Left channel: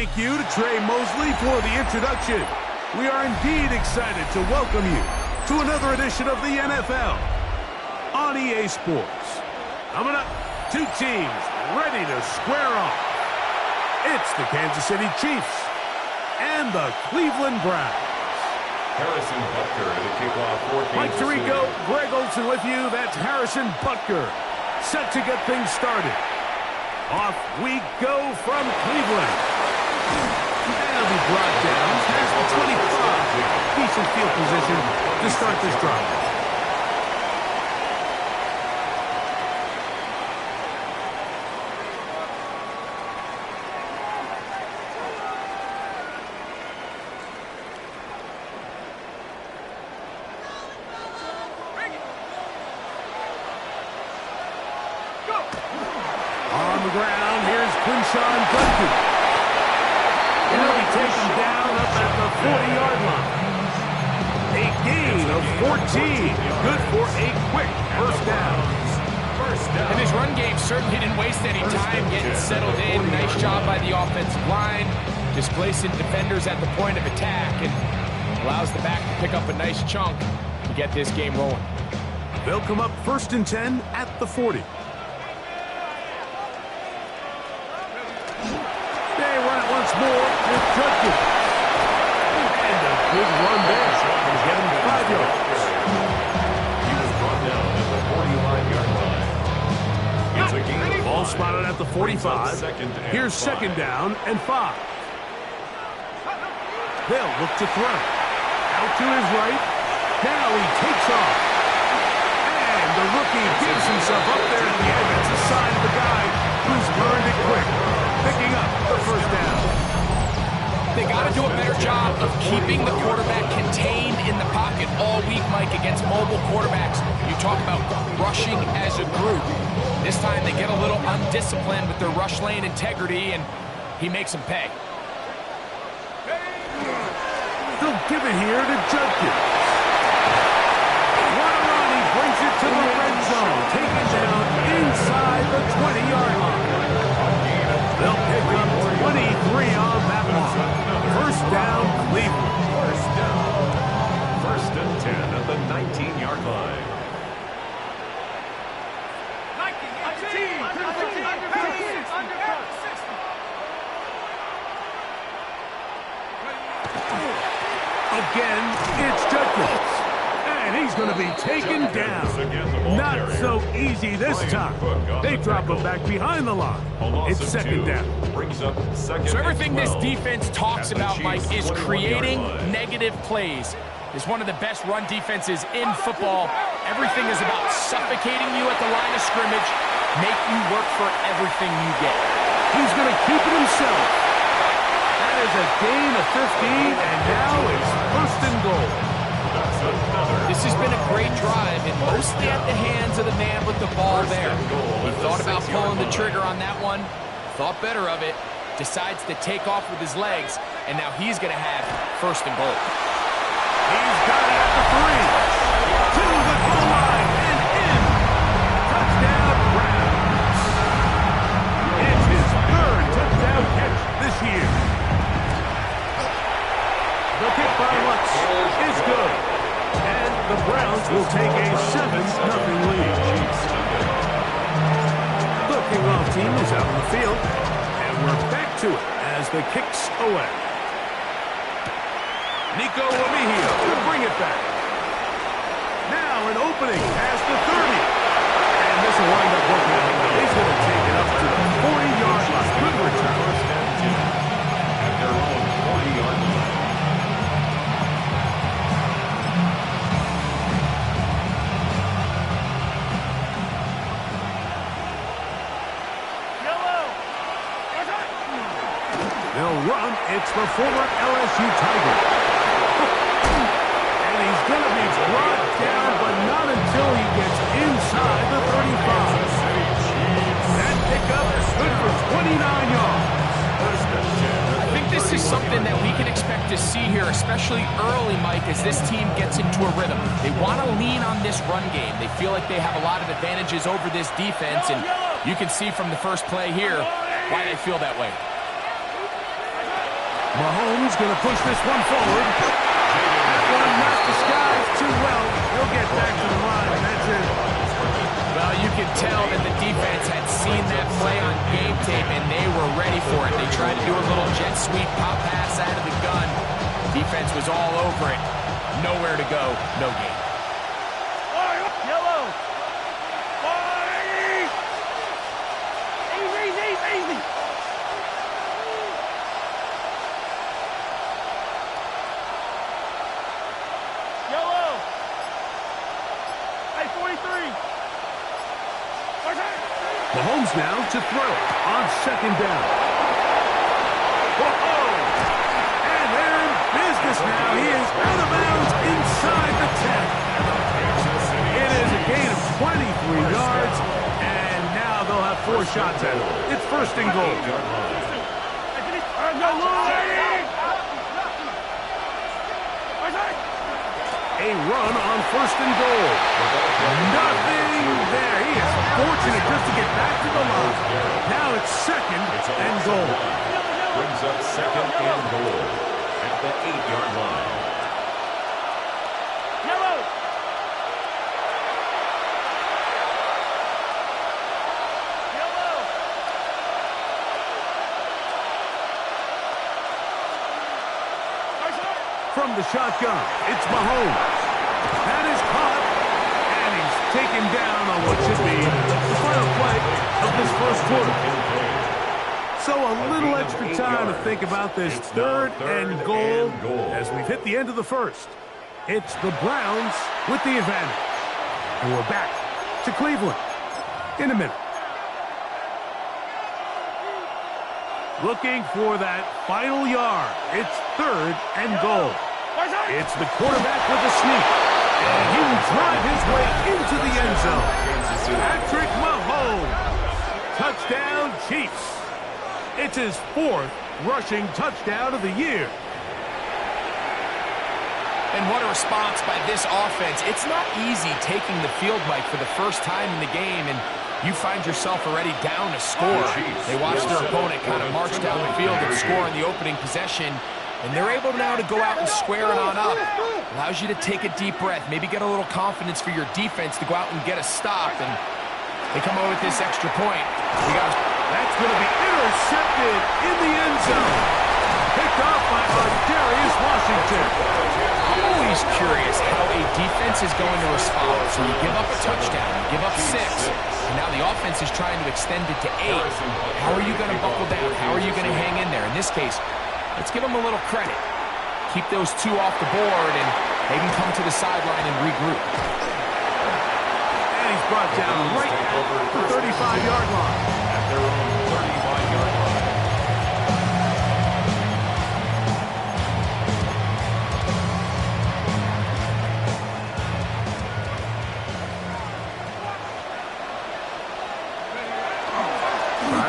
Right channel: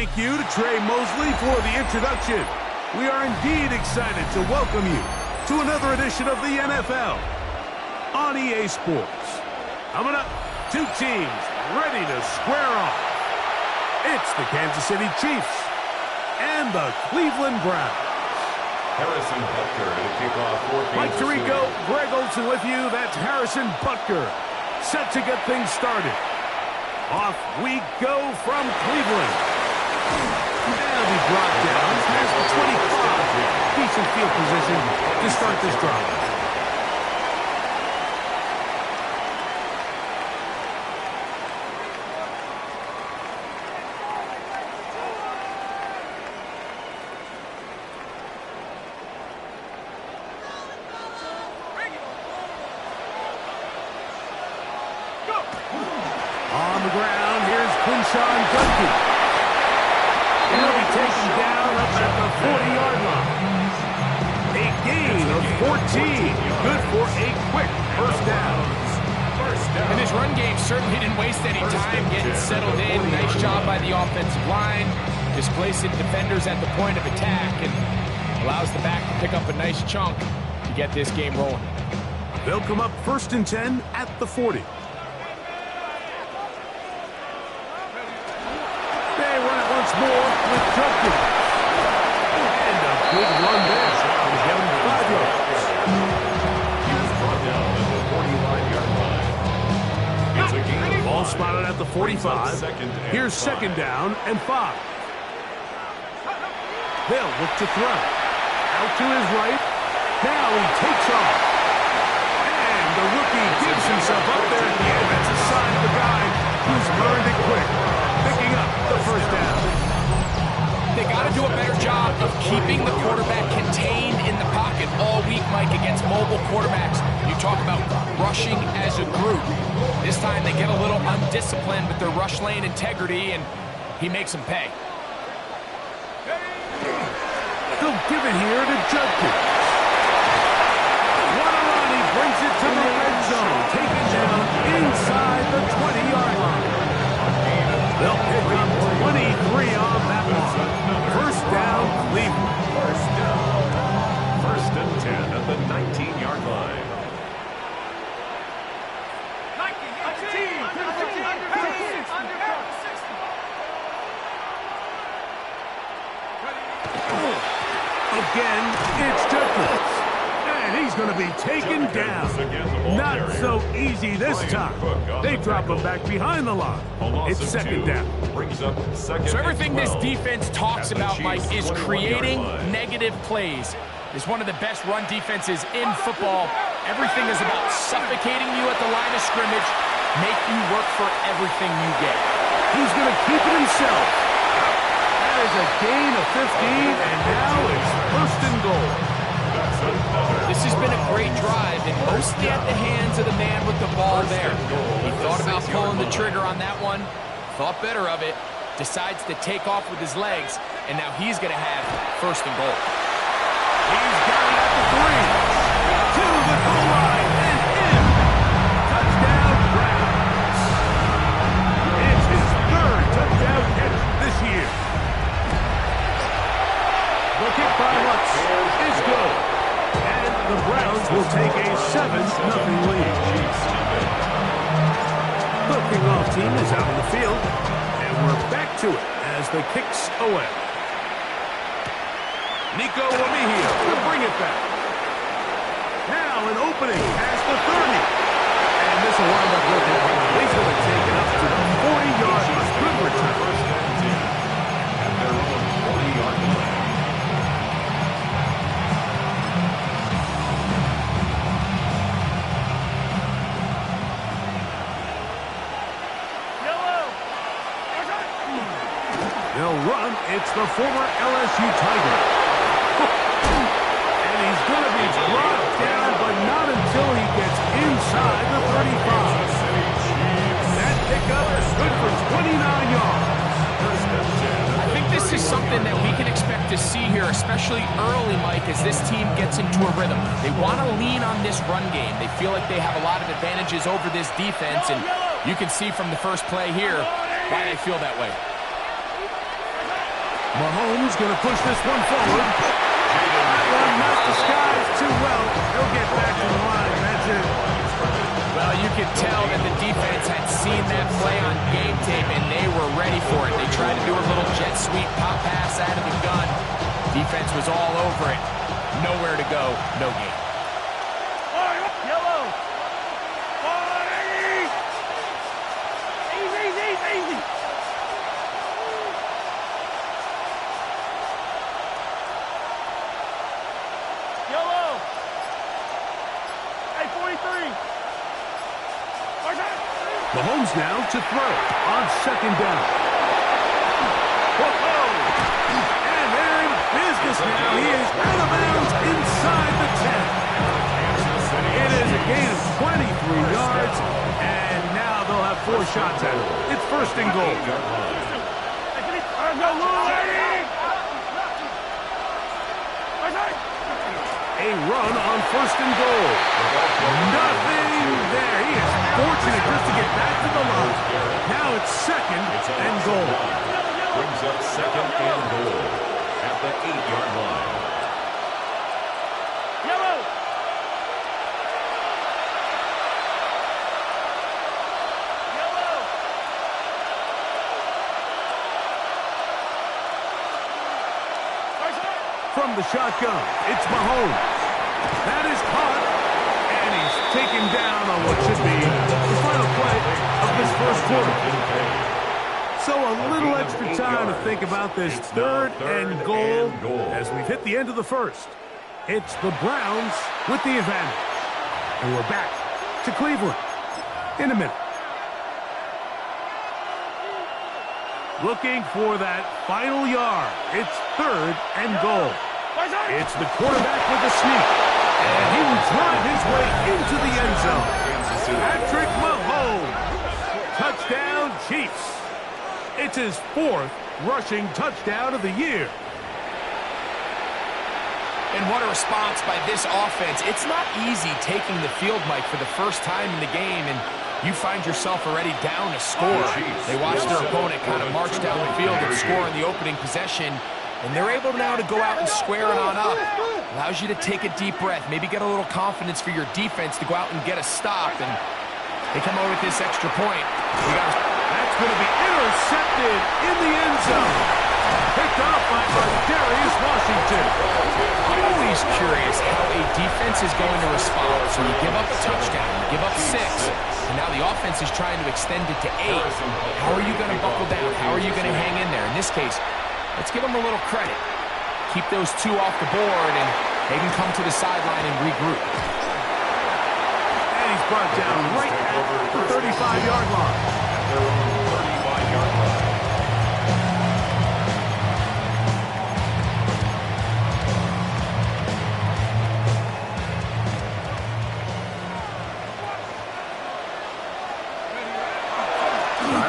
Thank you to Trey Mosley for the introduction. We are indeed excited to welcome you to another edition of the NFL on EA Sports. Coming up, two teams ready to square off. It's the Kansas City Chiefs and the Cleveland Browns. Harrison Butker to kick off for Kansas Mike Tirico, City. Greg Olsen with you. That's Harrison Butker, set to get things started. Off we go from Cleveland. That'll be brought down past the 25. Decent field position to start this drive. On the ground, here's Quinshawn Judkins. He'll be taken down up at the 40-yard line. A gain of 14. Good for a quick first down. And this run game certainly didn't waste any time getting settled in. Nice job by the offensive line, displacing defenders at the point of attack, and allows the back to pick up a nice chunk to get this game rolling. They'll come up 1st and 10 at the 40. They run it once more with Judkins. And a big run there. Going to get him 5 yards. He was brought down at the 45-yard line. It's a gain of Ball 5. spotted at the 45. Here's second down and 5. They'll look to throw. Out to his right. Now he takes off. And the rookie gives himself up there at the end. That's a sign of a guy who's learned it quick. Picking up the first down. They got to do a better job of keeping the quarterback contained in the pocket all week, Mike, against mobile quarterbacks. You talk about rushing as a group. This time they get a little undisciplined with their rush lane integrity, and he makes them pay. They'll give it here to Judkins. What a run. He brings it to the red zone. Taken down inside the 20-yard line. They'll pick up 23 on that one. First down, Cleveland. First down. 1st and 10 at the 19-yard line. Again, it's Judkins. And he's going to be taken down. Not so easy this time. They drop him back behind the line. It's second down. So everything this defense talks about, Mike, is creating negative plays. It's one of the best run defenses in football. Everything is about suffocating you at the line of scrimmage, make you work for everything you get. He's going to keep it himself. That is a gain of 15, and now it's 1st and goal. This has been a great drive, and mostly at the hands of the man with the ball there. He thought about pulling the trigger on that one, thought better of it, decides to take off with his legs, and now he's going to have 1st and goal. He's got it at the 3. To the goal line and in. Touchdown, Browns. It's his 3rd touchdown catch this year. The kick by Lutz is good. And the Browns will take a 7-0 lead. The kickoff team is out on the field. And we're back to it as the kick's away. Nico Remigio to bring it back. Now an opening past the 30. And this will wind up working out well. He's going to take it up to the 40-yard line. Good return. 1st and 10 at their own 40-yard line. They'll run. It's the former LSU Tiger. And he's going to be brought down, but not until he gets inside the 35. That pickup is good for 29 yards. I think this is something that we can expect to see here, especially early, Mike, as this team gets into a rhythm. They want to lean on this run game. They feel like they have a lot of advantages over this defense, and you can see from the first play here why they feel that way. Mahomes going to push this one forward. That one not disguised too well. He'll get back to the line. That's it. Well, you can tell that the defense had seen that play on game tape, and they were ready for it. They tried to do a little jet sweep pop pass out of the gun. Defense was all over it. Nowhere to go, no game. Yellow. Easy. Yellow. Hey, 43. Mahomes now to throw on second down. Whoa! And they're in business now. He is out of bounds inside the 10. It is a gain of 23 yards, and now they'll have 4 shots at it. It's first and goal. A run on first and goal. Nothing there. He is fortunate just to get back to the line. Now it's second and goal. Brings up second and goal at the 8-yard line. Yellow. From the shotgun, it's Mahomes. That is caught, and he's taken down on what should be the final play of this first quarter. So a little extra time to think about this third and goal as we've hit the end of the first. It's the Browns with the advantage. And we're back to Cleveland in a minute. Looking for that final yard. It's third and goal. It's the quarterback with a sneak. And he will drive his way into the end zone. Patrick Mahomes. Touchdown, Chiefs. It's his 4th rushing touchdown of the year. And what a response by this offense. It's not easy taking the field, Mike, for the first time in the game, and you find yourself already down a score. They watch their opponent kind of march down the field and score in the opening possession, and they're able now to go out and square it on up. Allows you to take a deep breath, maybe get a little confidence for your defense to go out and get a stop, and they come over with this extra point. That's going to be intercepted in the end zone. Picked off by Darius Washington. I'm always curious how a defense is going to respond. So you give up a touchdown, you give up 6, and now the offense is trying to extend it to 8. How are you going to buckle down? How are you going to hang in there? In this case, let's give them a little credit. Keep those 2 off the board, and they can come to the sideline and regroup. And he's brought down right at the 35-yard line. At their own 35-yard line.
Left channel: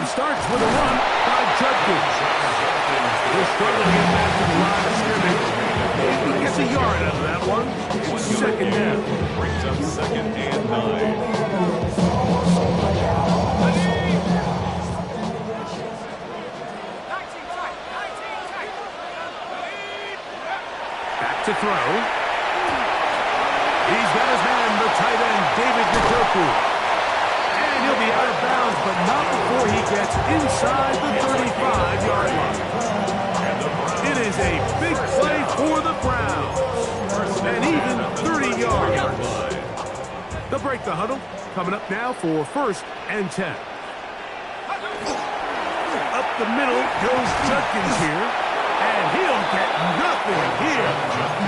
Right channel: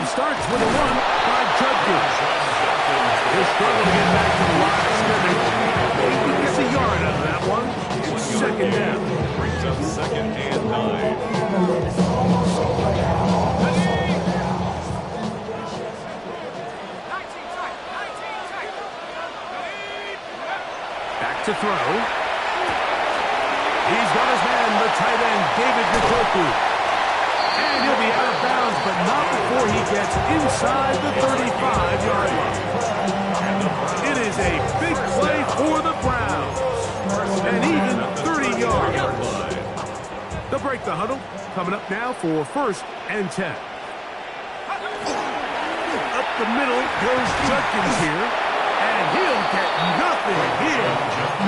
Starts with a run by Judkins. He'll struggle to get back to the line of scrimmage. Maybe gets a yard out of that one. It's second down. Brings up second and 9. Back to throw. He's got his man, the tight end, David Njoku. And he'll be out of bounds, but not before he gets inside the 35-yard line. It is a big play for the Browns. And even 30 yards. They'll break the huddle. Coming up now for first and 10. Up the middle goes Judkins here. And he'll get nothing here.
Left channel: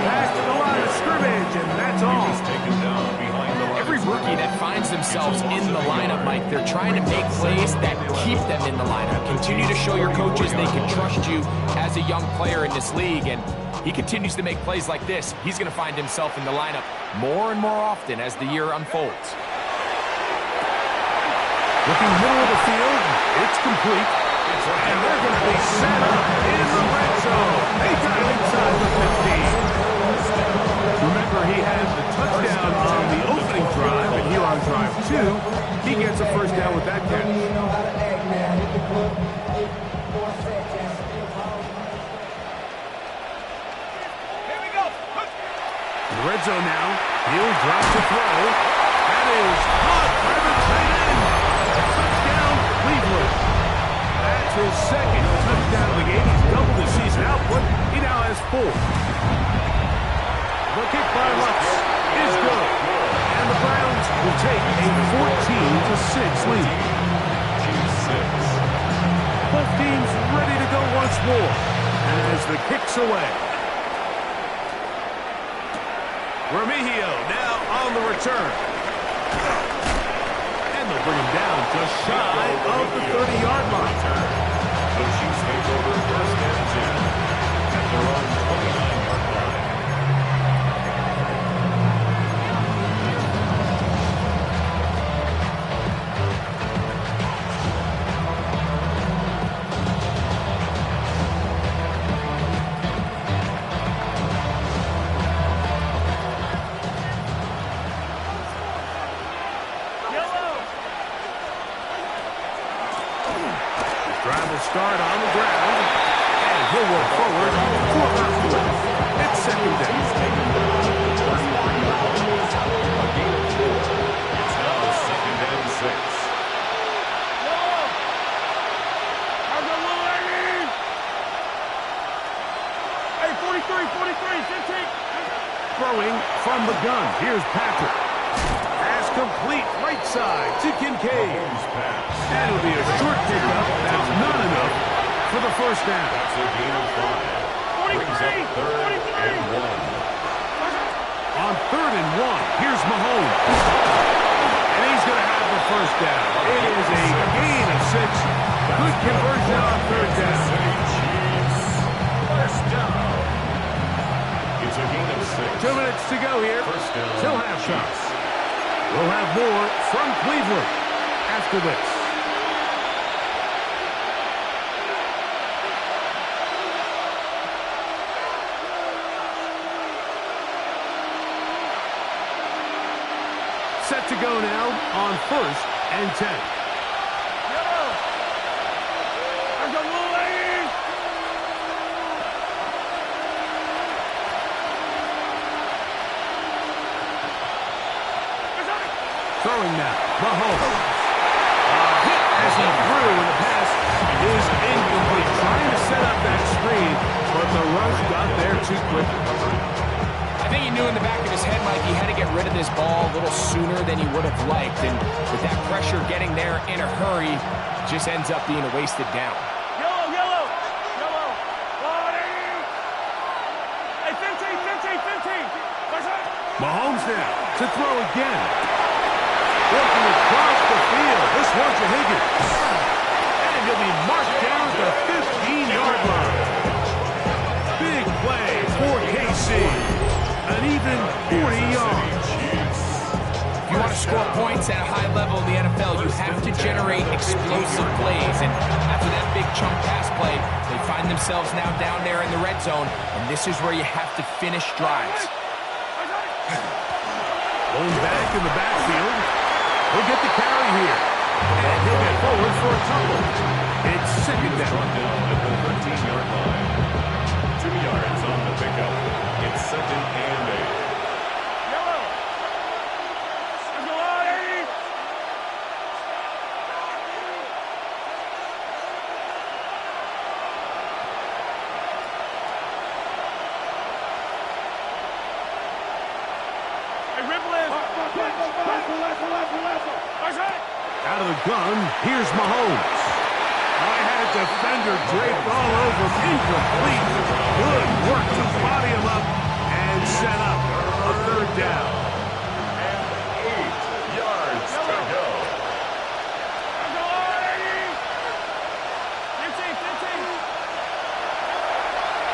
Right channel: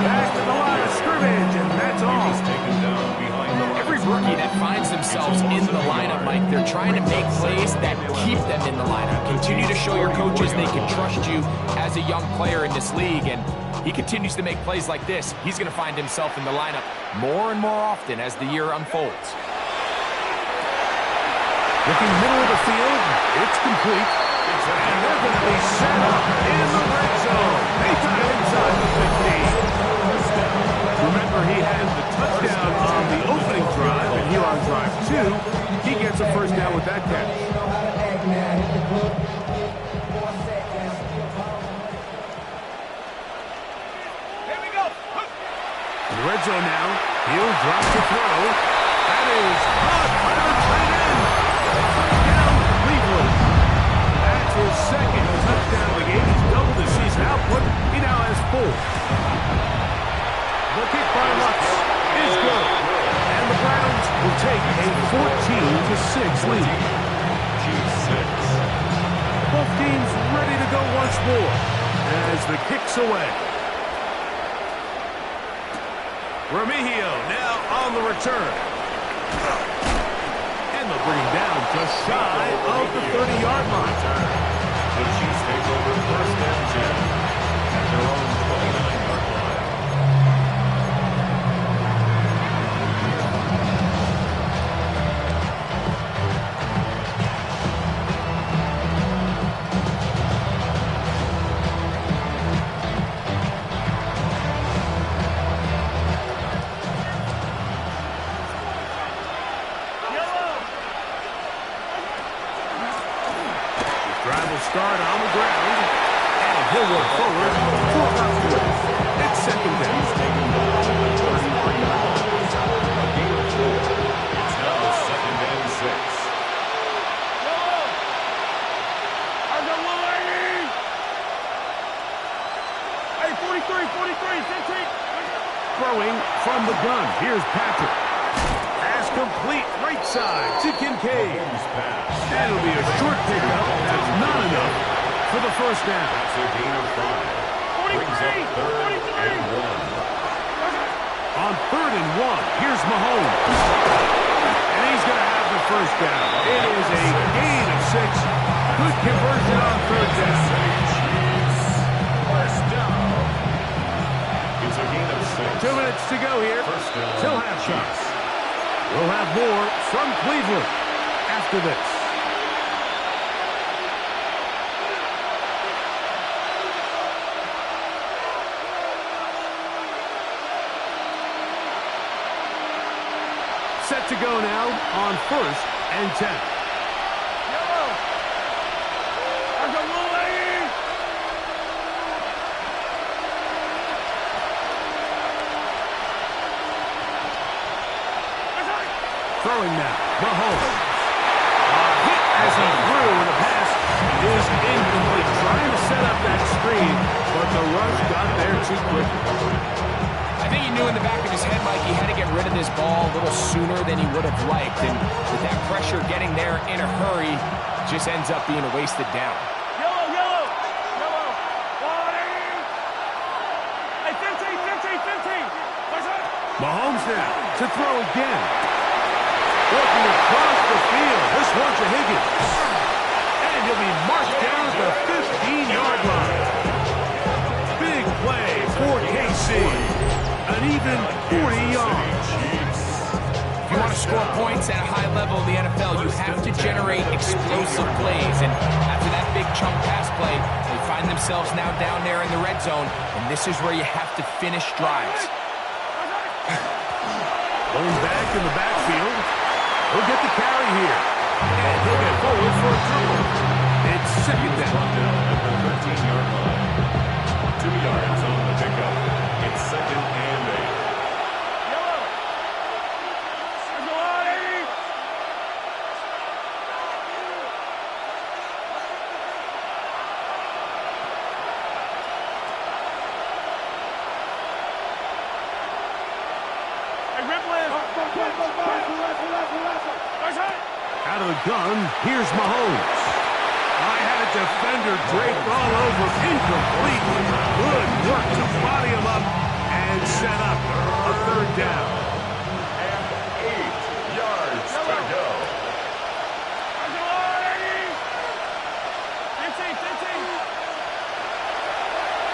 Back to the line of scrimmage, and that's all. Every rookie that finds themselves in the lineup, Mike, they're trying to make plays that keep them in the lineup. Continue to show your coaches they can trust you as a young player in this league, and he continues to make plays like this. He's going to find himself in the lineup more and more often as the year unfolds. Looking middle of the field, it's complete. And they're going to be set up in the red zone. They got it inside the 15. Remember, he had the touchdown on the opening drive, and here on drive 2, he gets a first down with that catch. The red zone now. He'll drop to throw. That is caught by the tight end. Touchdown, Cleveland. That's his second touchdown of the game. He's doubled his season output. He now has 4. The kick by Lutz is good. And the Browns will take a 14-6 lead. Both teams ready to go once more as the kick's away. Remigio now on the return. And they'll bring him down just shy of the 30-yard line. The Chiefs take over first and 10 at their own 29-yard line. Drive will start on the ground, and he'll work forward for about 3. It's second down. He's taken down at the 33-yard line. A gain of 4. It's now second and 6. Yellow. I got little 80. Hey, 43, 15. Throwing from the gun. Here's Patrick. Pass complete right side to Kincaid. And it'll be a short pickup. That's not enough for the first down. That's a gain of 5. Brings up third and 1. On third and 1, here's Mahomes. And he's going to have the first down. It is a gain of 6. Good conversion on third down. Chiefs. First down. It's a gain of 6. 2 minutes to go here till halftime. We'll have more from Cleveland after this. Set to go now on first and 10. Yellow. I got little 80. Throwing now, Mahomes. Hit as he threw, and the pass is incomplete. Trying to set up that screen, but the rush got there too quick. I think he knew in the back of his head, Mike, he had to get rid of this ball a little sooner than he would have liked. And with that pressure getting there in a hurry, it just ends up being a wasted down. Yellow, yellow. Yellow. 180. Hey, 15. Mahomes now to throw again. Working across the field. This one's to Higgins. And he'll be marked down at the 15-yard line. Big play for KC. An even 40 yards. If you want to score points at a high level in the NFL, you have to generate explosive plays. And after that big chunk pass play, they find themselves now down there in the red zone. And this is where you have to finish drives. Going back in the backfield. He'll get the carry here. And he'll get forward for a couple. It's second down. Down at the 13-yard line. 2 yards on the pickup. It's second and 8. Yellow. I got 80. Hey, Ripley. Out of the gun, here's Mahomes. I had a defender draped all over him. Incomplete. Good work to body him up and set up a third down. And 8 yards to go. I got 80. 15.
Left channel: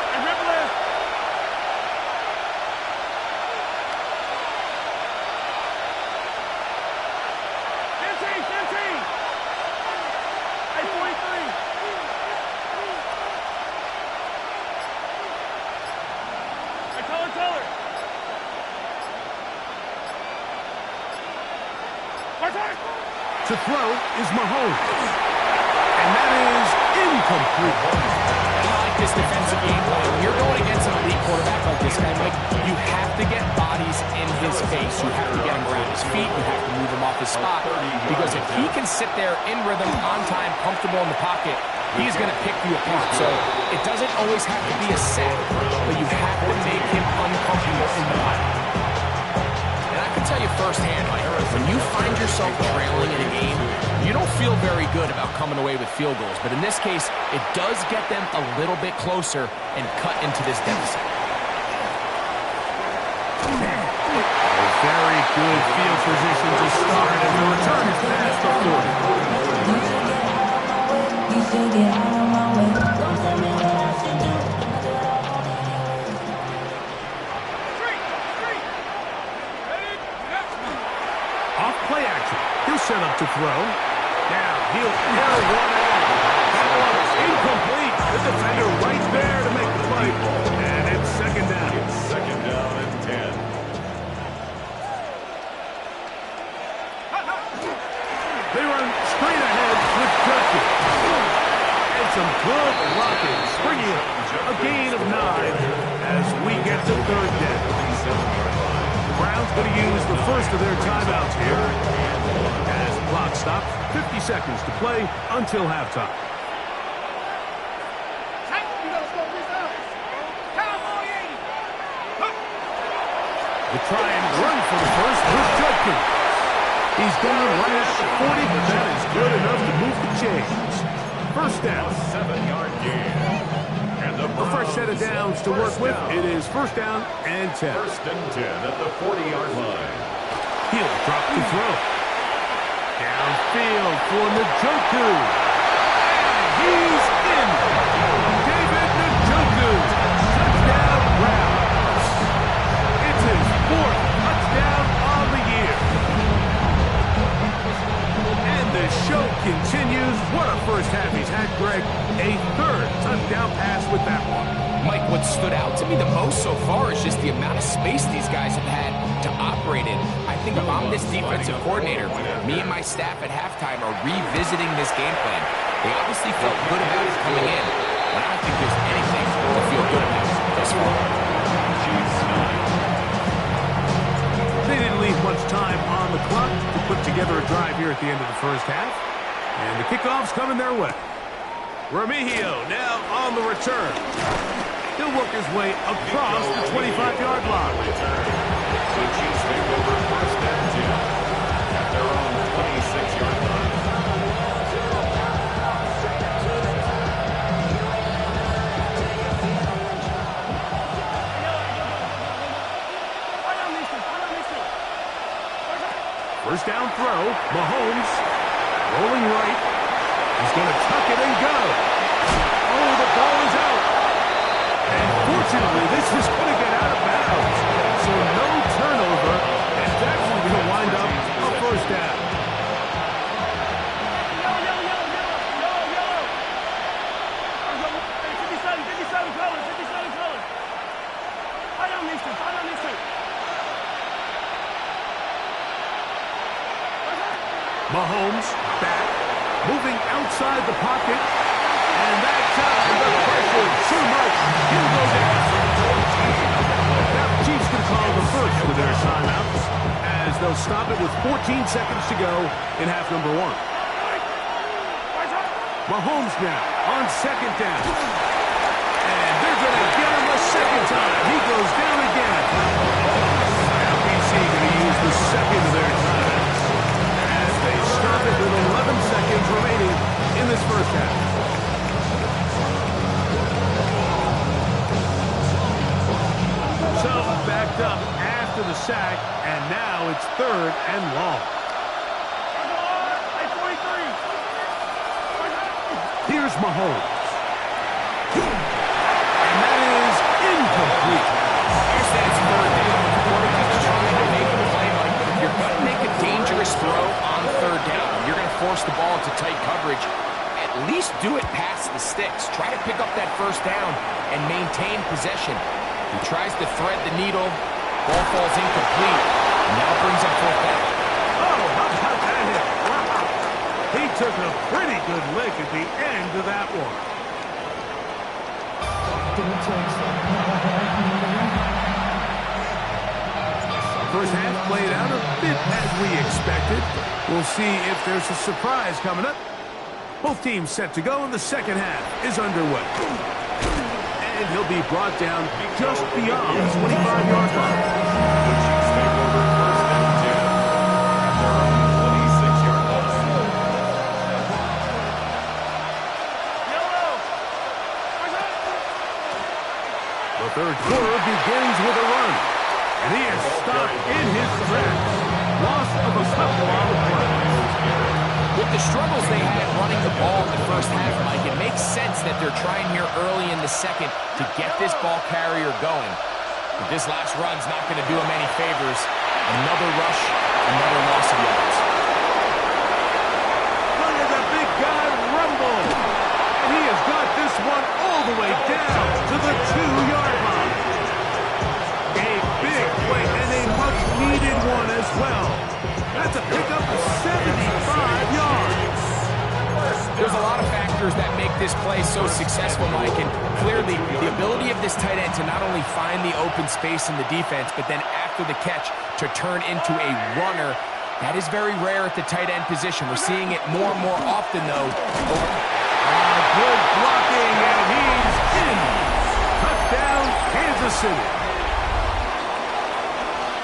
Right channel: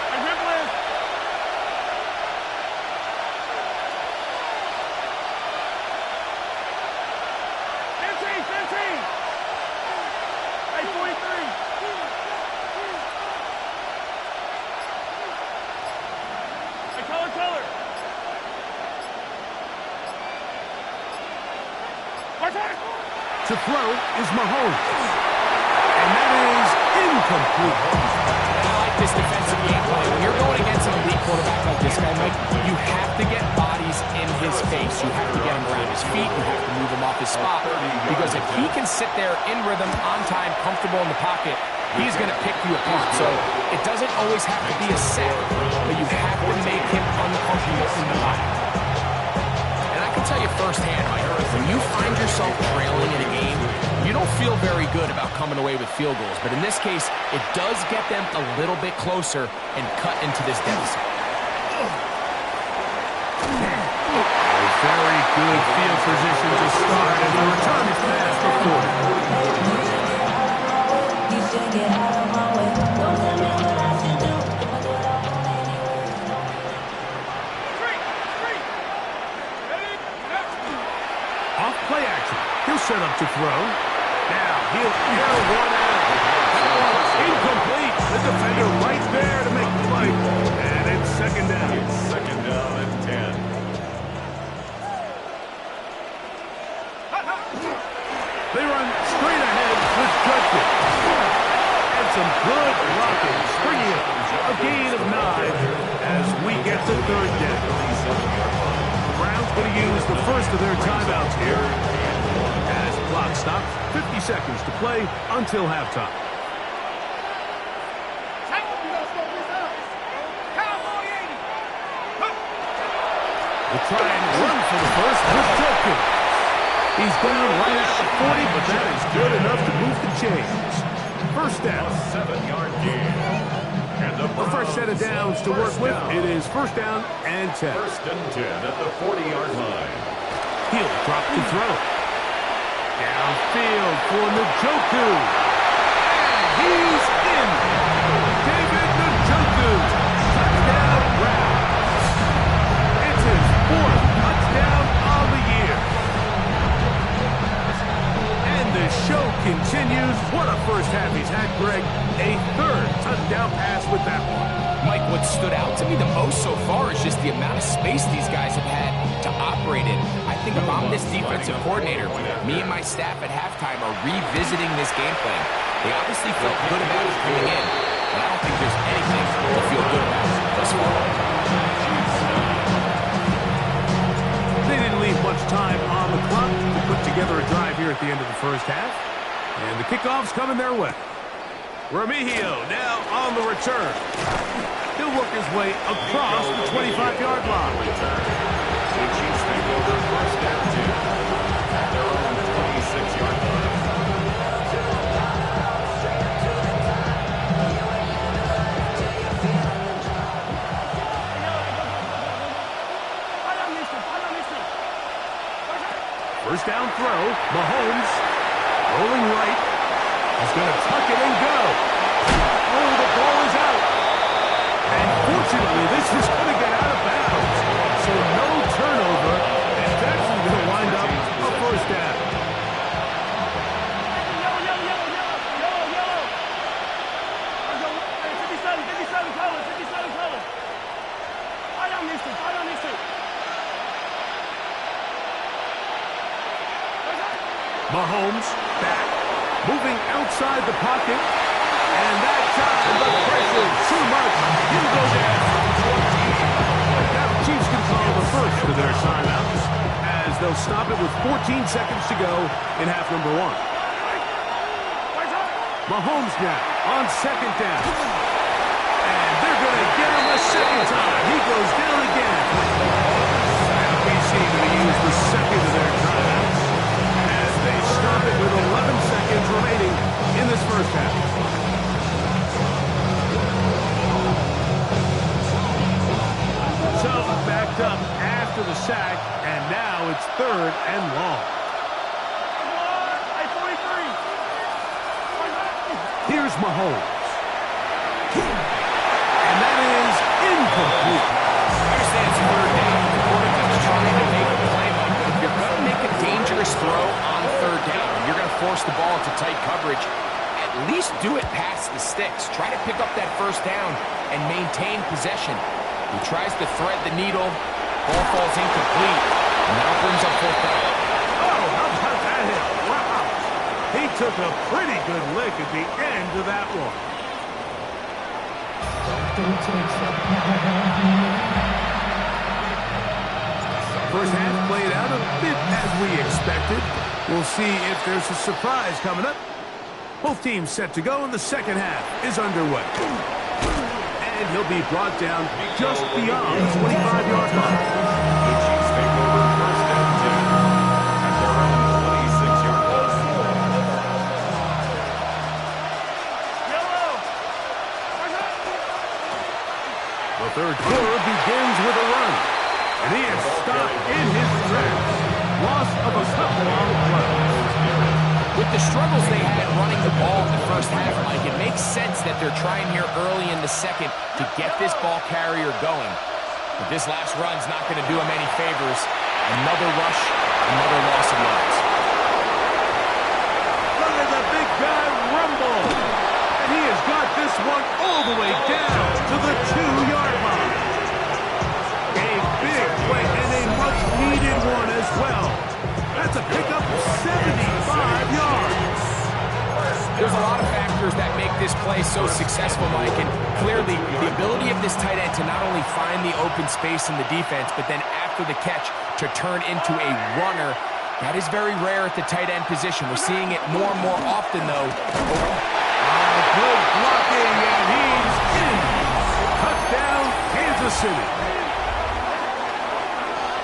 Hey, Ripley. Hey, 43. Hey, color. To throw is Mahomes. And that is incomplete. And I like this defensive game plan. When you're going against an elite quarterback like this guy, Mike, you have to get bodies in his face. You have to get him around his feet. You have to move him off his spot. Because if he can sit there in rhythm, on time, comfortable in the pocket, he's going to pick you apart. So it doesn't always have to be a sack, but you have to make him uncomfortable in the pocket. And I can tell you firsthand, Mike, when you find yourself trailing in a game, you don't feel very good about coming away with field goals. But in this case, it does get them a little bit closer and cut into this deficit. A very good field position to start as the return is past the 40. You should get out of my way. Don't tell me what I should do. I'ma do it all on anyway. Off play action. He'll set up to throw. Now he'll air one out. That one's incomplete. The defender right there to make the play. And it's second down. It's second down and 10. They run straight ahead with Judkins. And some good blocking, bringing up a gain of 9 as we get to third down. The Browns going to use the first of their timeouts here. As the clock stops, 50 seconds to play until halftime. We'll try and run for the first with Judkins. He's down right at the 40, but that is good enough to move the chains. First down. A 7-yard gain. And the A fresh set of downs to work with. It is first down and 10. First and 10 at the 40-yard line. He'll drop to throw. Downfield for Njoku. And he's in. David Njoku. Touchdown Browns. It's his 4th touchdown on the year. And the show continues. What a first half he's had, Greg. A 3rd touchdown pass with that one. Mike, what stood out to me the most so far is just the amount of space these guys have had to operate in. I think if I'm this defensive coordinator, me and my staff at halftime are revisiting this game plan. They obviously felt good about it coming in, but I don't think there's anything to feel good about thus far. They didn't leave much time on the clock to put together a drive here at the end of the first half. And the kickoff's coming their way. Remigio now on the return. He'll work his way across the 25-yard line. The Chiefs take over first and 10 at their own 26-yard line. First down throw. Mahomes rolling right. He's going to tuck it and go. Oh, the ball is out. And fortunately, this is going to get out of bounds. So no turnover. It's actually going to wind up a first down. Mahomes back, moving outside the pocket. And that time, the pressure too much. He'll go down. Now the Chiefs can call the first of their timeouts as they'll stop it with 14 seconds to go in half number 1. Mahomes now on second down. And they're going to get him a second time. He goes down again. Now BC going to use the second of their timeouts as they stop it with 11 seconds remaining in this first half. So backed up after the sack, and now it's third and long. Here's Mahomes. And that is incomplete. I understand it's third down, but the quarterback's trying to make a play, Mike. But if you're going to make a dangerous throw on third down, and you're going to force the ball into tight coverage, at least do it past the sticks. Try to pick up that first down and maintain possession. He tries to thread the needle. Ball falls incomplete. And now brings up fourth down. Oh, how about that hit? Wow. He took a pretty good lick at the end of that one. First half played out a bit as we expected. We'll see if there's a surprise coming up. Both teams set to go, and the second half is underway. And he'll be brought down just beyond the 25-yard line. The Chiefs take over first and 10 at their own 26-yard line. Yellow. The third quarter begins with a run. And he is stopped in his tracks. Loss of a couple on the play. With the struggles they had running the ball in the first half, Mike, it makes sense that they're trying here early in the second to get this ball carrier going. But this last run's not going to do him any favors. Another rush, another loss of yards. Look at the big guy rumble. And he has got this one all the way down to the 2-yard line. A big play and a much-needed one as well. That's a pickup of 75 yards. There's a lot of factors that make this play so successful, Mike, and clearly the ability of this tight end to not only find the open space in the defense, but then after the catch to turn into a runner, that is very rare at the tight end position. We're seeing it more and more often, though. Good blocking, and he's in. Touchdown, Kansas City.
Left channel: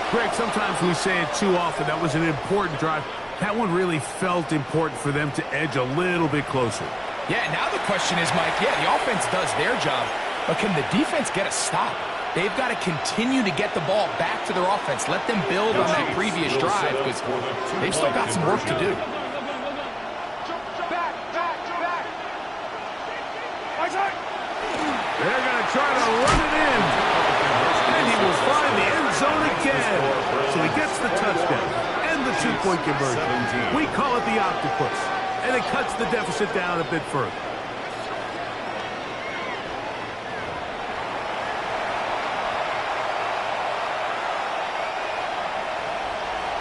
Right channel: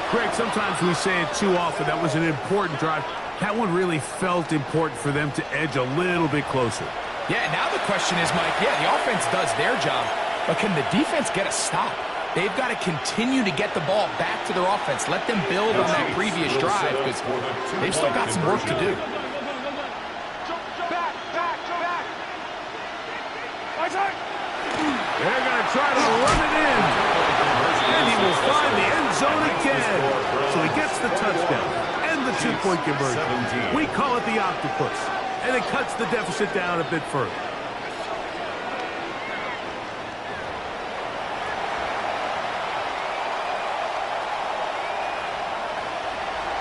Greg, sometimes we say it too often. That was an important drive. That one really felt important for them to edge a little bit closer. Yeah, now the question is, Mike, yeah, the offense does their job, but can the defense get a stop? They've got to continue to get the ball back to their offense. Let them build on that previous drive because they've still got some work to do. They're going to try to run it in. And he will find the end zone again. So he gets the touchdown and the 2-point conversion. We call it the octopus. And it cuts the deficit down a bit further.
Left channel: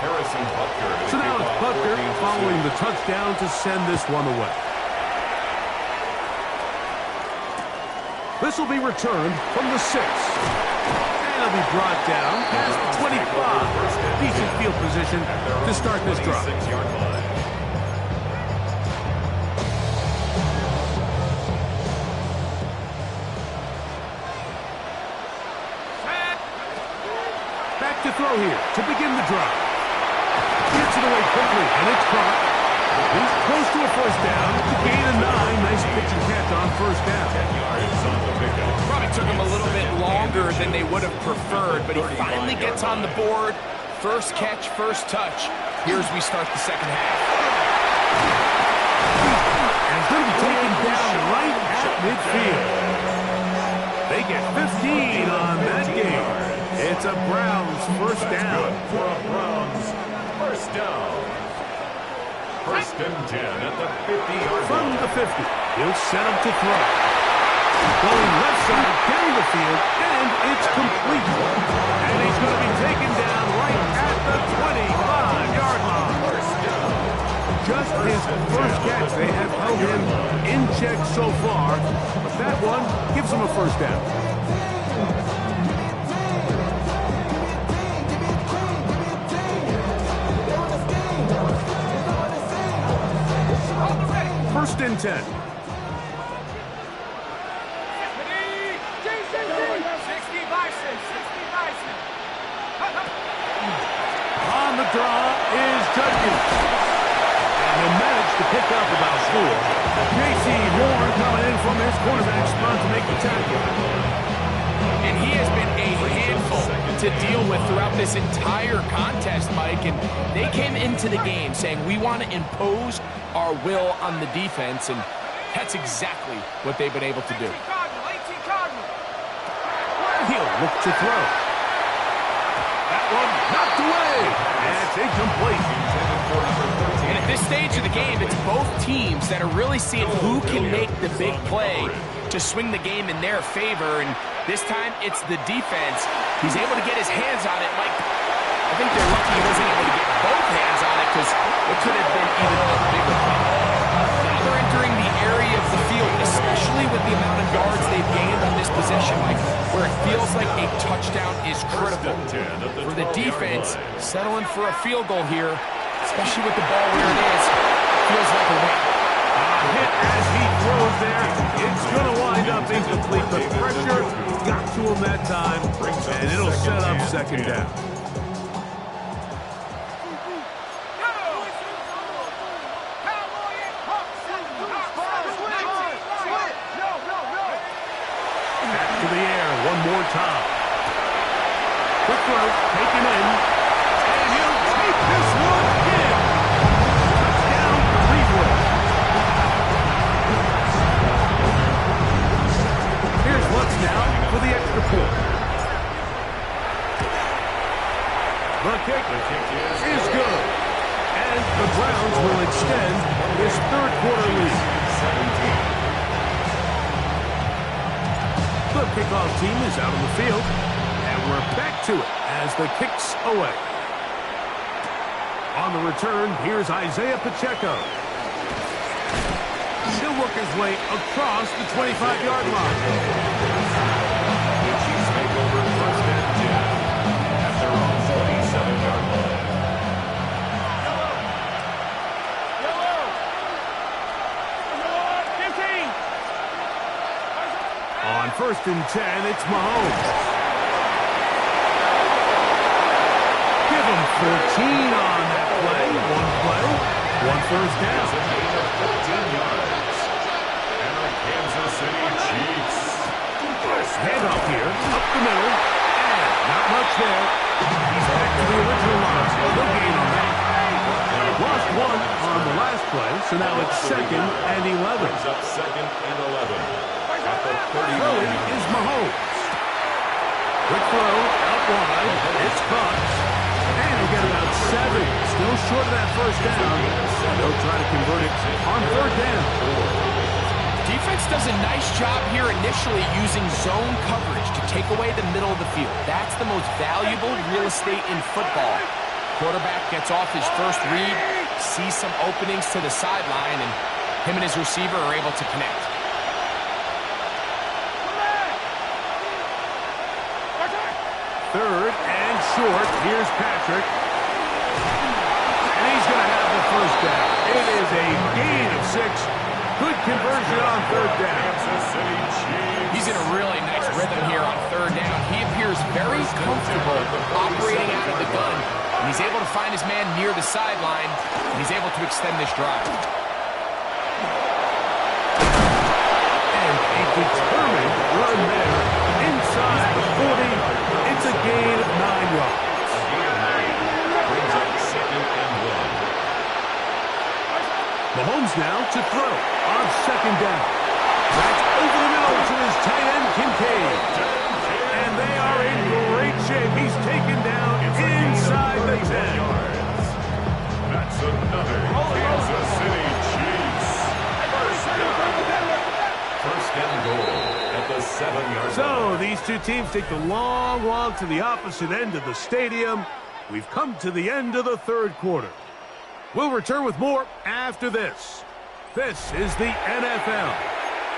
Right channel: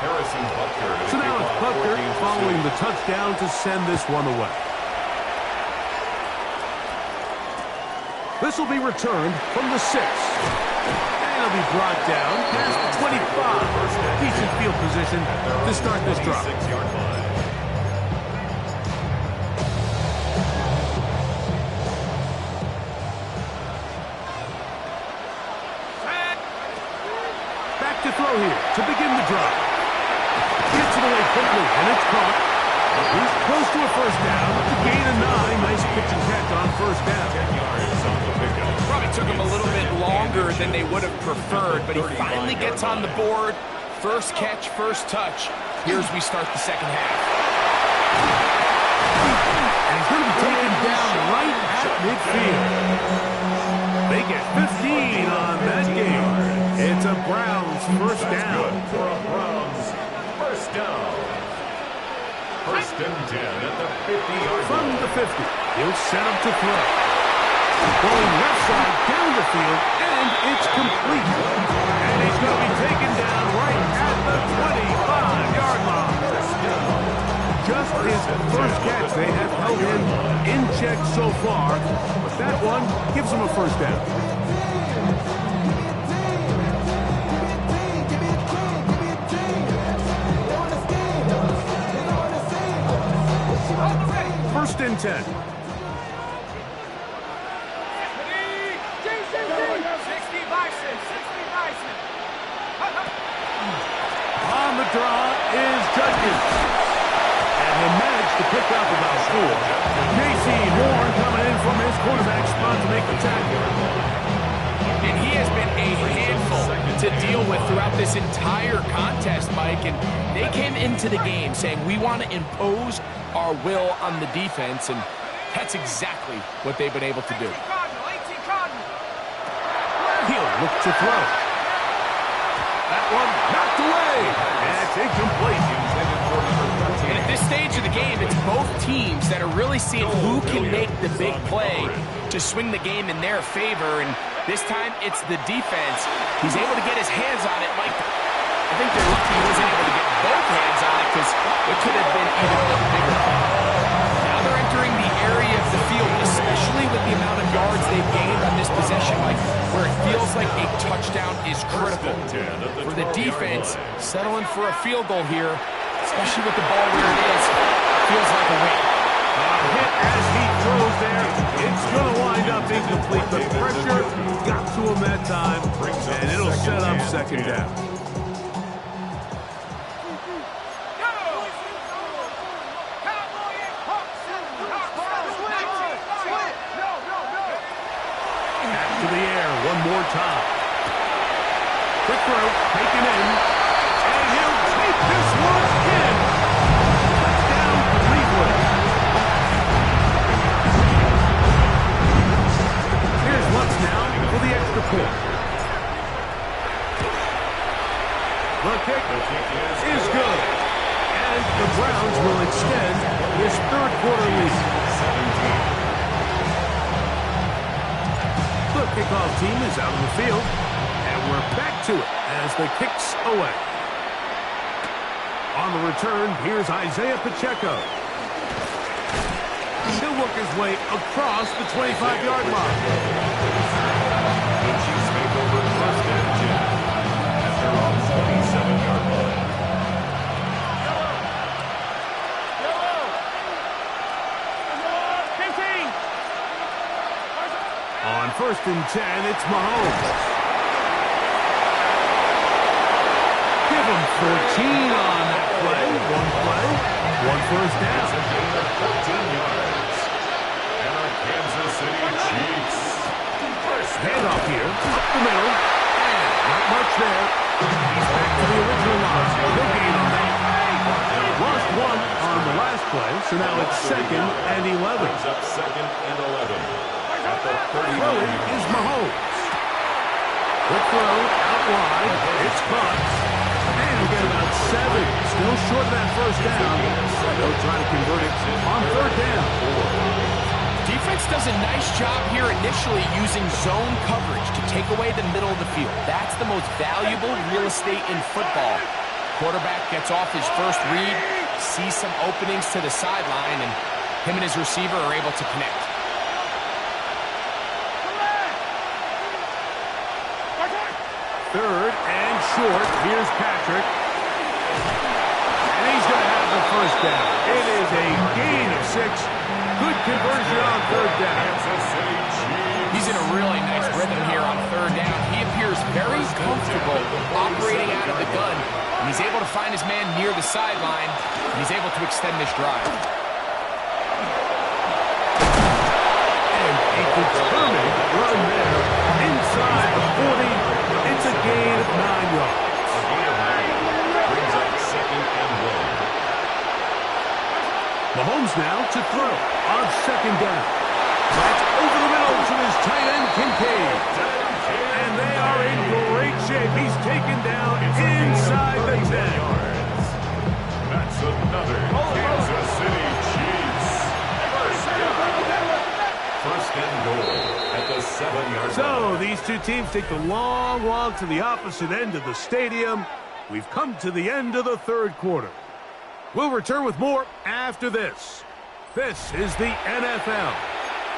Harrison Butker. So now it's Butker following the touchdown to send this one away. This will be returned from the 6. And it'll be brought down past the 25. Decent field position to start this drive. 26-yard line. Back to throw here to begin the drive. Gets it away quickly, and it's caught. He's close to a first down to gain a 9. Nice pitch and catch on first down. 10 yards on the pickup. Probably took him a little bit longer than they would have preferred, but he finally gets on the board. First catch, first touch. Here's we start the second half. And he's going to be taken down right at midfield. They get 15 on that game. It's a Browns first down. For a Browns first down. First and 10 at the 50-yard line. From the 50, he'll set up to throw. Going left side down the field, and it's complete. And he's going to be taken down right at the 25-yard line. Just his first catch. They have held him in check so far, but that one gives him a first down. First and 10. On the draw is Judkins. And he'll manage to pick up about 4. J.C. Horn coming in from his cornerback spot to make the tackle. And he has been a handful to deal with throughout this entire contest, Mike. And they came into the game saying, we want to impose our will on the defense, and that's exactly what they've been able to do. He'll look to throw. That one knocked away. That's incomplete. And at this stage of the game, it's both teams that are really seeing who can make the big play to swing the game in their favor. And this time, it's the defense. He's able to get his hands on it. Mike, I think they're lucky he wasn't able to get both hands on it because it could have been even a bigger play. Now they're entering the area of the field field, especially with the amount of yards they've gained on this possession, Mike, where it feels like a touchdown is critical. For the defense, settling for a field goal here, especially with the ball where it is, feels like a win. Hit as he throws there. It's going to wind up incomplete. The pressure got to him that time, and it'll set up second down. Back to the air one more time. Quick throw, taken in, and he'll take this one in. Touchdown, Cleveland. Here's Lutz now for the extra point. The kick is good. And the Browns will extend this third quarter lead. 17. The kickoff team is out on the field, and we're back to it as the kick's away. On the return, here's Isaiah Pacheco. He'll work his way across the 25-yard line. The Chiefs make over first and 10 at their own 27-yard line. On first and 10, it's Mahomes. Give him 14 on that play. One first down. It's a gain of 14 yards. And our Kansas City Chiefs. Handoff here, up the middle, and not much there. He's back to the original line. No gain on that. Lost one on the last play, so now it's second and 11. Brings up second and 11. At the 39 Throwing is Mahomes. Quick throw, out wide. It's caught. And he'll get about 7. Still short of that first down. They'll try to convert it on third down. Defense does a nice job here initially using zone coverage to take away the middle of the field. That's the most valuable real estate in football. Quarterback gets off his first read, sees some openings to the sideline, and him and his receiver are able to connect. Third and short. Here's Patrick. And he's going to have the first down. It is a gain of 6. Good conversion on third down. Kansas City Chiefs. He's in a really nice rhythm here on third down. He appears very comfortable operating out of the gun, and he's able to find his man near the sideline, and he's able to extend this drive. And a determined run there inside the 40. It's a gain of 9 yards. A gain of 9. Brings up second and 1. Mahomes now to throw on second down. That's over the middle to his tight end, Kincaid. And they are in great shape. He's taken down inside the 10. Yards. That's another Kansas City Chiefs. First and goal at the 7-yard line. So these two teams take the long walk to the opposite end of the stadium. We've come to the end of the third quarter. We'll return with more after this. This is the NFL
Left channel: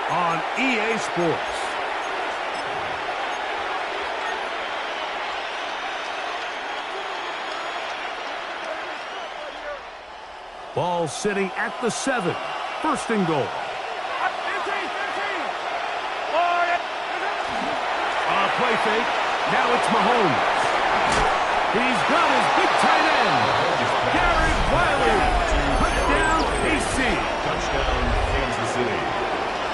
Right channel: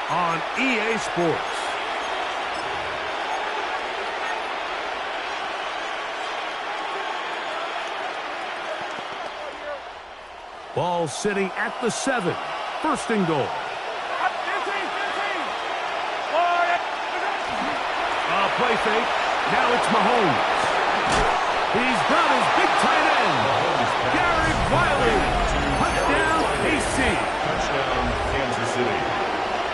on EA Sports. Ball sitting at the 7. First and goal. Play fake. Now it's Mahomes. He's got his big tight end. Garrett Wiley. Touchdown, KC. Touchdown, Kansas City.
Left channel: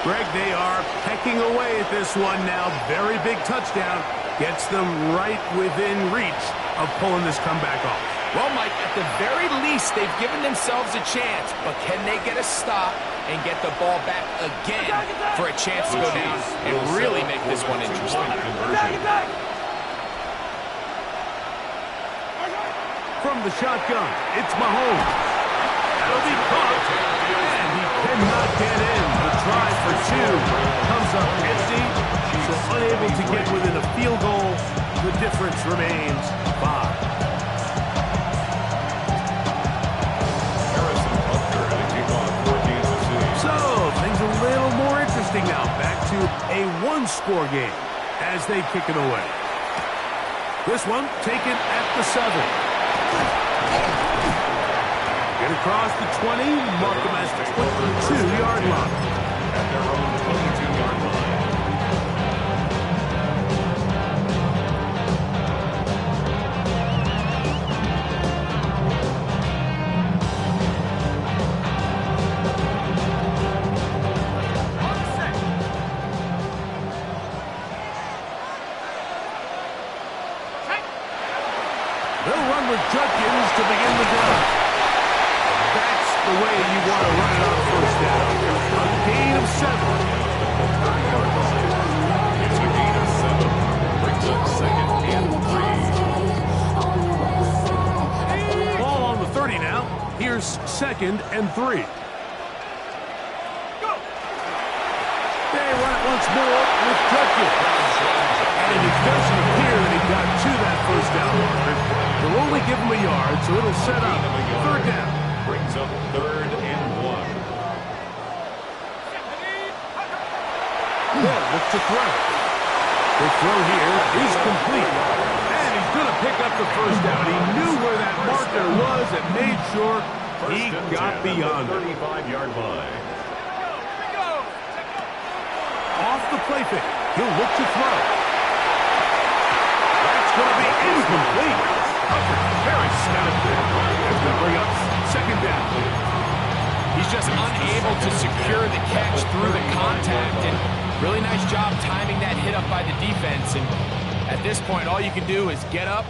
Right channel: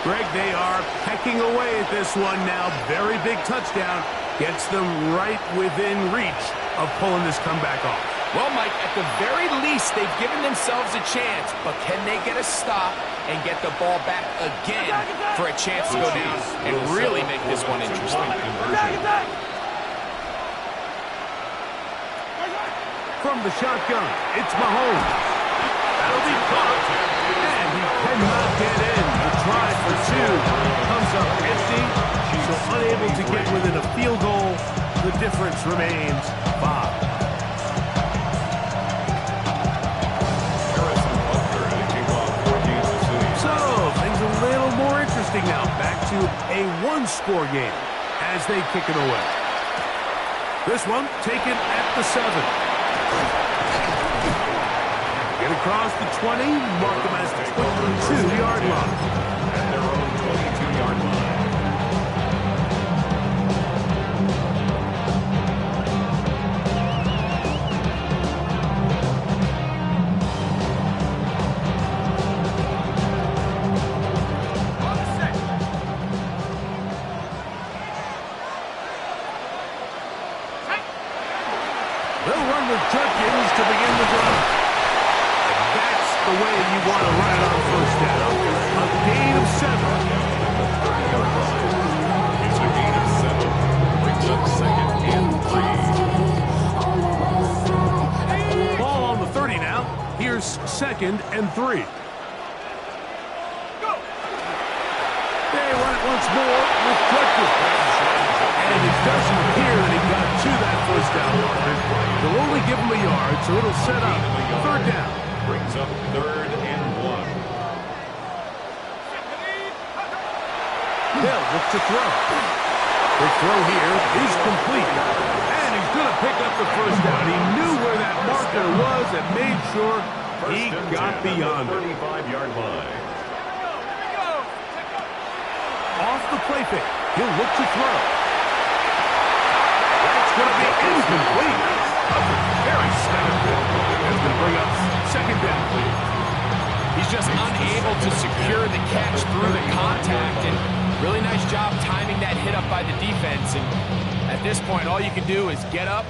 Greg, they are pecking away at this one now. Very big touchdown. Gets them right within reach of pulling this comeback off. Well, Mike, at the very least, they've given themselves a chance, but can they get a stop and get the ball back again for a chance to go down and really make this one interesting? From the shotgun, it's Mahomes. That'll be caught, and he cannot get in. The try for 2 comes up empty, so unable to get within a field goal. The difference remains 5. So, things a little more Shifting now back to a one-score game as they kick it away. This one taken at the 7. Get across the 20, mark them as the 22-yard line. At their own 22-yard line. They'll run with Judkins to begin the drive. That's the way you want to run it on first down. A gain of 7. It's a gain of 7. Brings up 2nd and 3. Ball on the 30 now. Here's 2nd and 3. They run it once more with Judkins. And it doesn't appear that he got to that first down marker. They'll only give him a yard, so it'll set up 3rd down. Brings up 3rd and 1. They'll look to throw. The throw here is complete. And he's going to pick up the first down. He knew where that marker was and made sure he got beyond it. 35-yard line. Off the play fake. He'll look to throw. That's going to be incomplete. Very stout. That's going to bring up 2nd down. He's just unable to secure the catch through the contact, and really nice job timing that hit up by the defense. And at this point, all you can do is get up,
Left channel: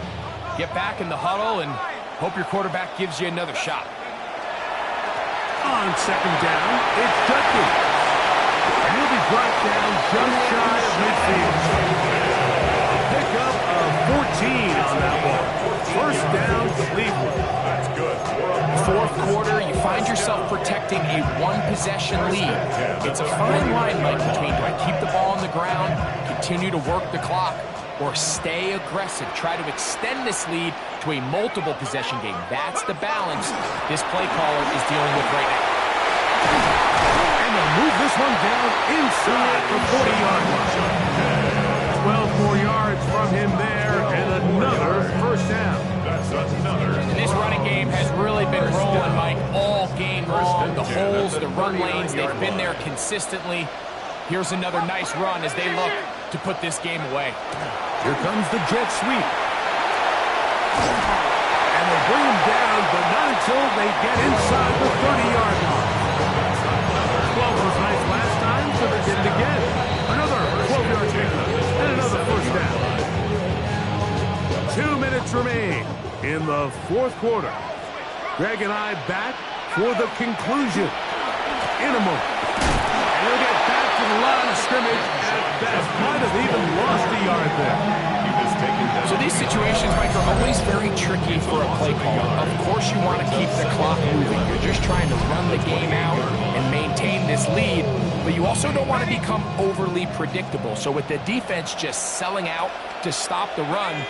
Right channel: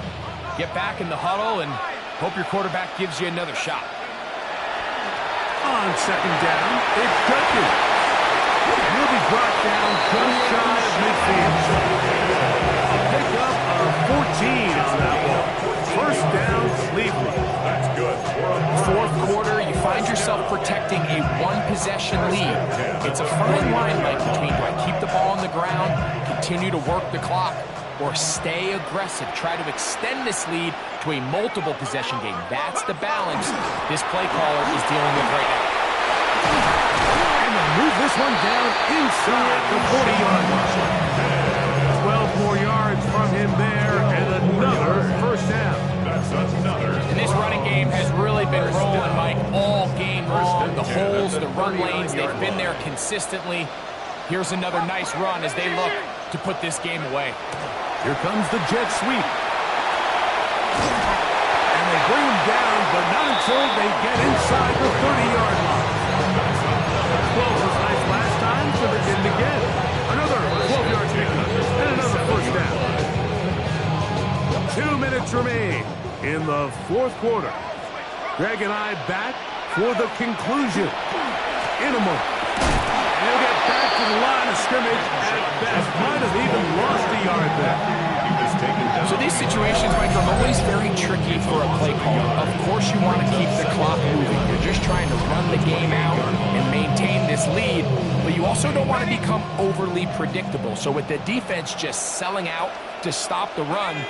get back in the huddle, and hope your quarterback gives you another shot. On 2nd down, it's Judkins. And he'll be brought down just shy of midfield. A pickup of 14 on that one. First down, Cleveland. That's good. 4th quarter, you find yourself protecting a one-possession lead. It's a fine line, Mike, between do I keep the ball on the ground, continue to work the clock, or stay aggressive, try to extend this lead to a multiple-possession game. That's the balance this play caller is dealing with right now. And they'll move this one down inside the 40-yard line. 12 more yards from him there, and another first down. That's another. And this running game has really been rolling, Mike, all game long. The holes, the run lanes, they've been there consistently. Here's another nice run as they look to put this game away. Here comes the jet sweep. And they bring him down, but not until they get inside the 30-yard line. 12 was nice last time, so they did it again. Another 12-yard gain, and another first down. 2 minutes remain in the 4th quarter. Greg and I back for the conclusion in a moment. And he'll get back to the line of scrimmage at best. Might have even lost a yard there. So these situations, Mike, are always very tricky for a play caller. Of course you want to keep the clock moving. You're just trying to run the game out and maintain this lead, but you also don't want to become overly predictable. So with the defense just selling out to stop the run,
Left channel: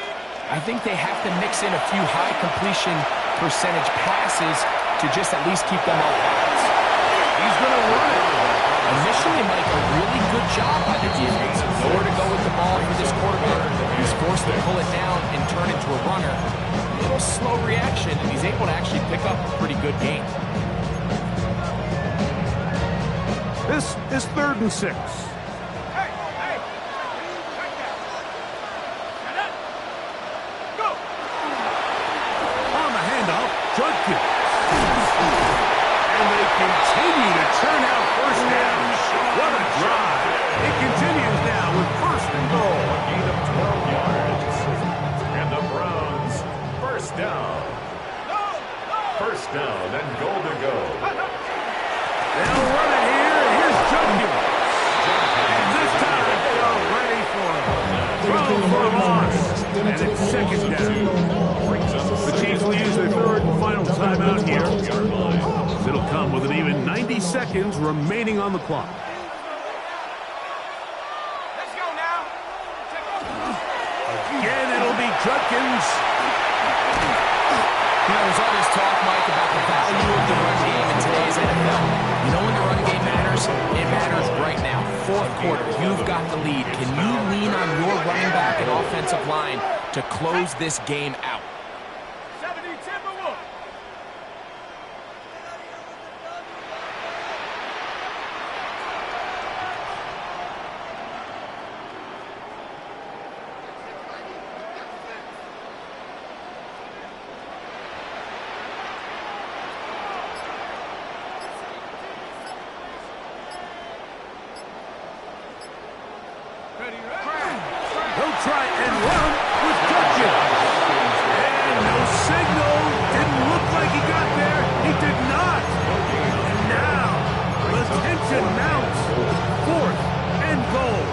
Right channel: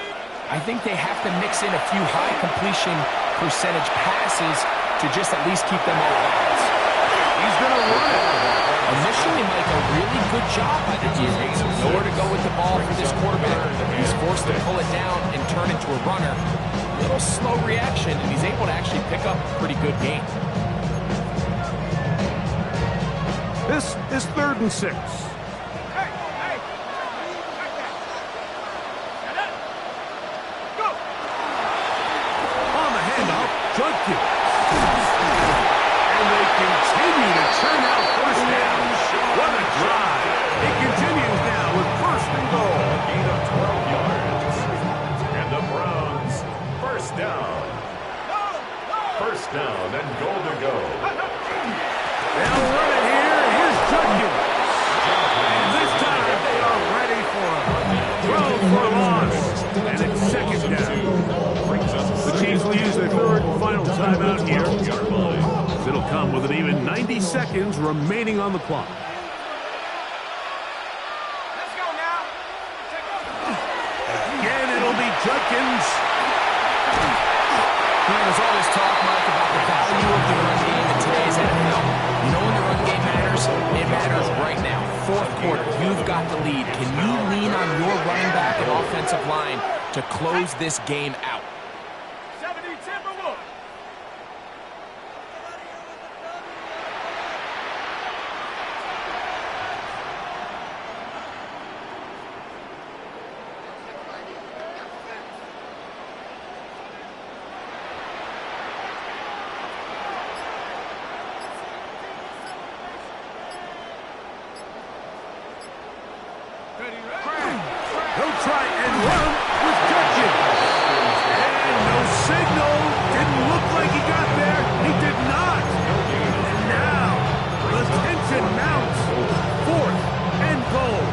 I think they have to mix in a few high completion percentage passes to just at least keep them off balance. He's going to run it. Initially, Mike, a really good job by the defense. Nowhere to go with the ball for this quarterback. He's forced to pull it down and turn into a runner. A little slow reaction, and he's able to actually pick up a pretty good gain. This is 3rd and 6. On the handoff, Judkins. And they continue to churn out first down. What a drive. It continues now with 1st and goal. A gain of 12 yards. And the Browns, first down. First down and goal to go. They'll run it here. Here's Judkins. And this time they are ready for him. Throw for a loss. And it's 2nd down. The Chiefs will use their 3rd and final timeout here. It'll come with an even 90 seconds remaining on the clock. Let's go now. Again, it'll be Judkins. You know, there's all this talk, Mike, about the value of the run game in today's NFL. You know when the run game matters? It matters right now. Fourth quarter, you've got the lead. Can you lean on your running back and offensive line to close this game out? 70 Timberwolves. He'll try and run with Judkins. And no signal. Didn't look like he got there. He did not. And now, the tension mounts. 4th and goal.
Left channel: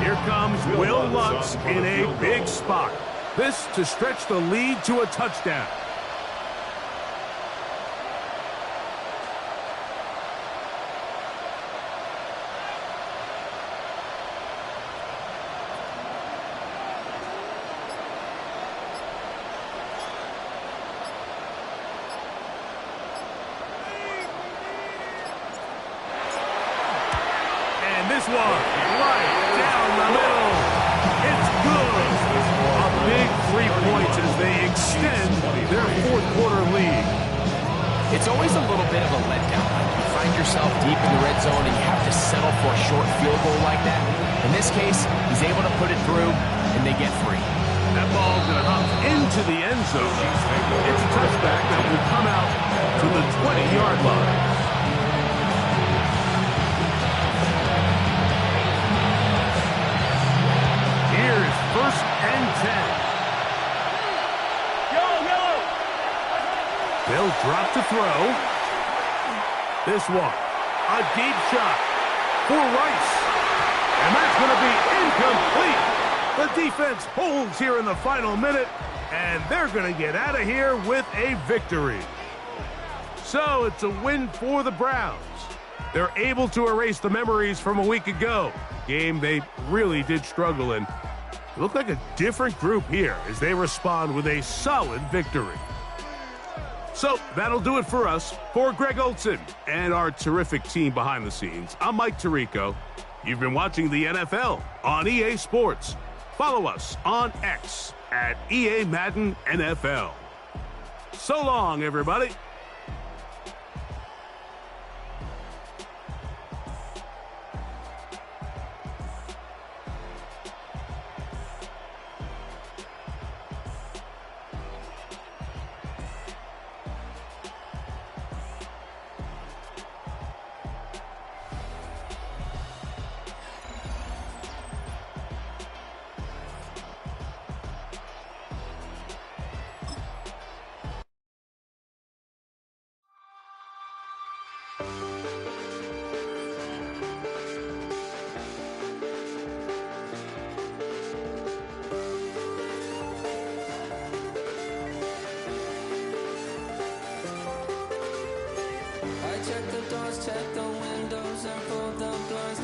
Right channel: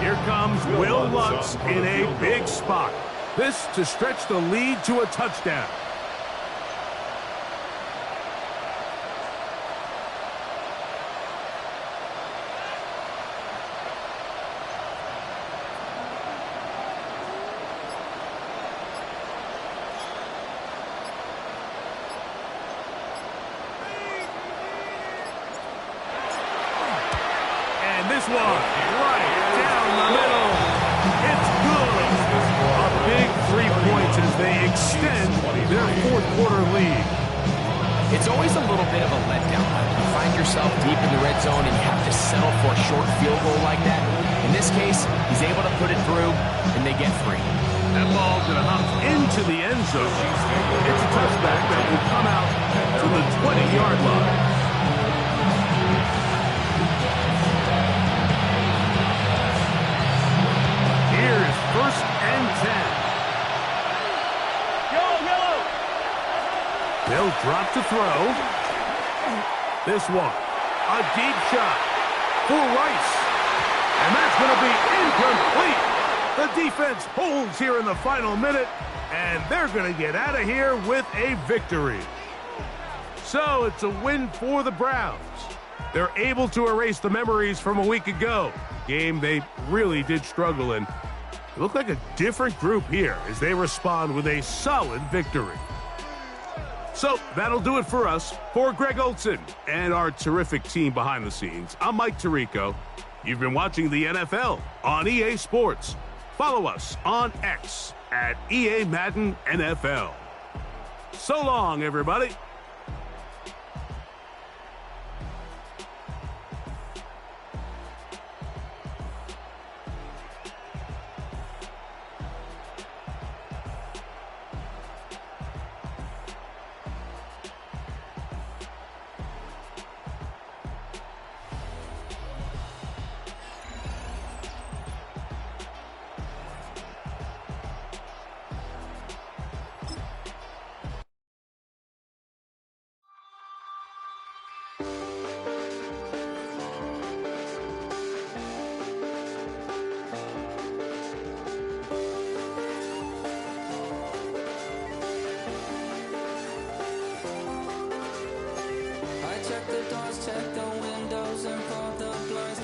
Here comes Will Lutz in a big spot. This to stretch the lead to a touchdown. And this one, right down the middle. It's good. A big 3 points as they extend their fourth quarter lead. It's always a little bit of a letdown. You find yourself deep in the red zone and you have to settle for a short field goal like that. In this case, he's able to put it through, and they get 3. That ball's going to hop into the end zone. It's a touchback that will come out to the 20-yard line. Here's 1st and 10. Yellow. They'll drop to throw. This one, a deep shot for Rice. And that's going to be incomplete. The defense holds here in the final minute, and they're going to get out of here with a victory. So it's a win for the Browns. They're able to erase the memories from a week ago. Game they really did struggle in. It looked like a different group here as they respond with a solid victory. So that'll do it for us. For Greg Olsen and our terrific team behind the scenes, I'm Mike Tirico. You've been watching the NFL on EA Sports. Follow us on X at EA Madden NFL. So long, everybody. I check the doors, check the windows, and fold the blinds.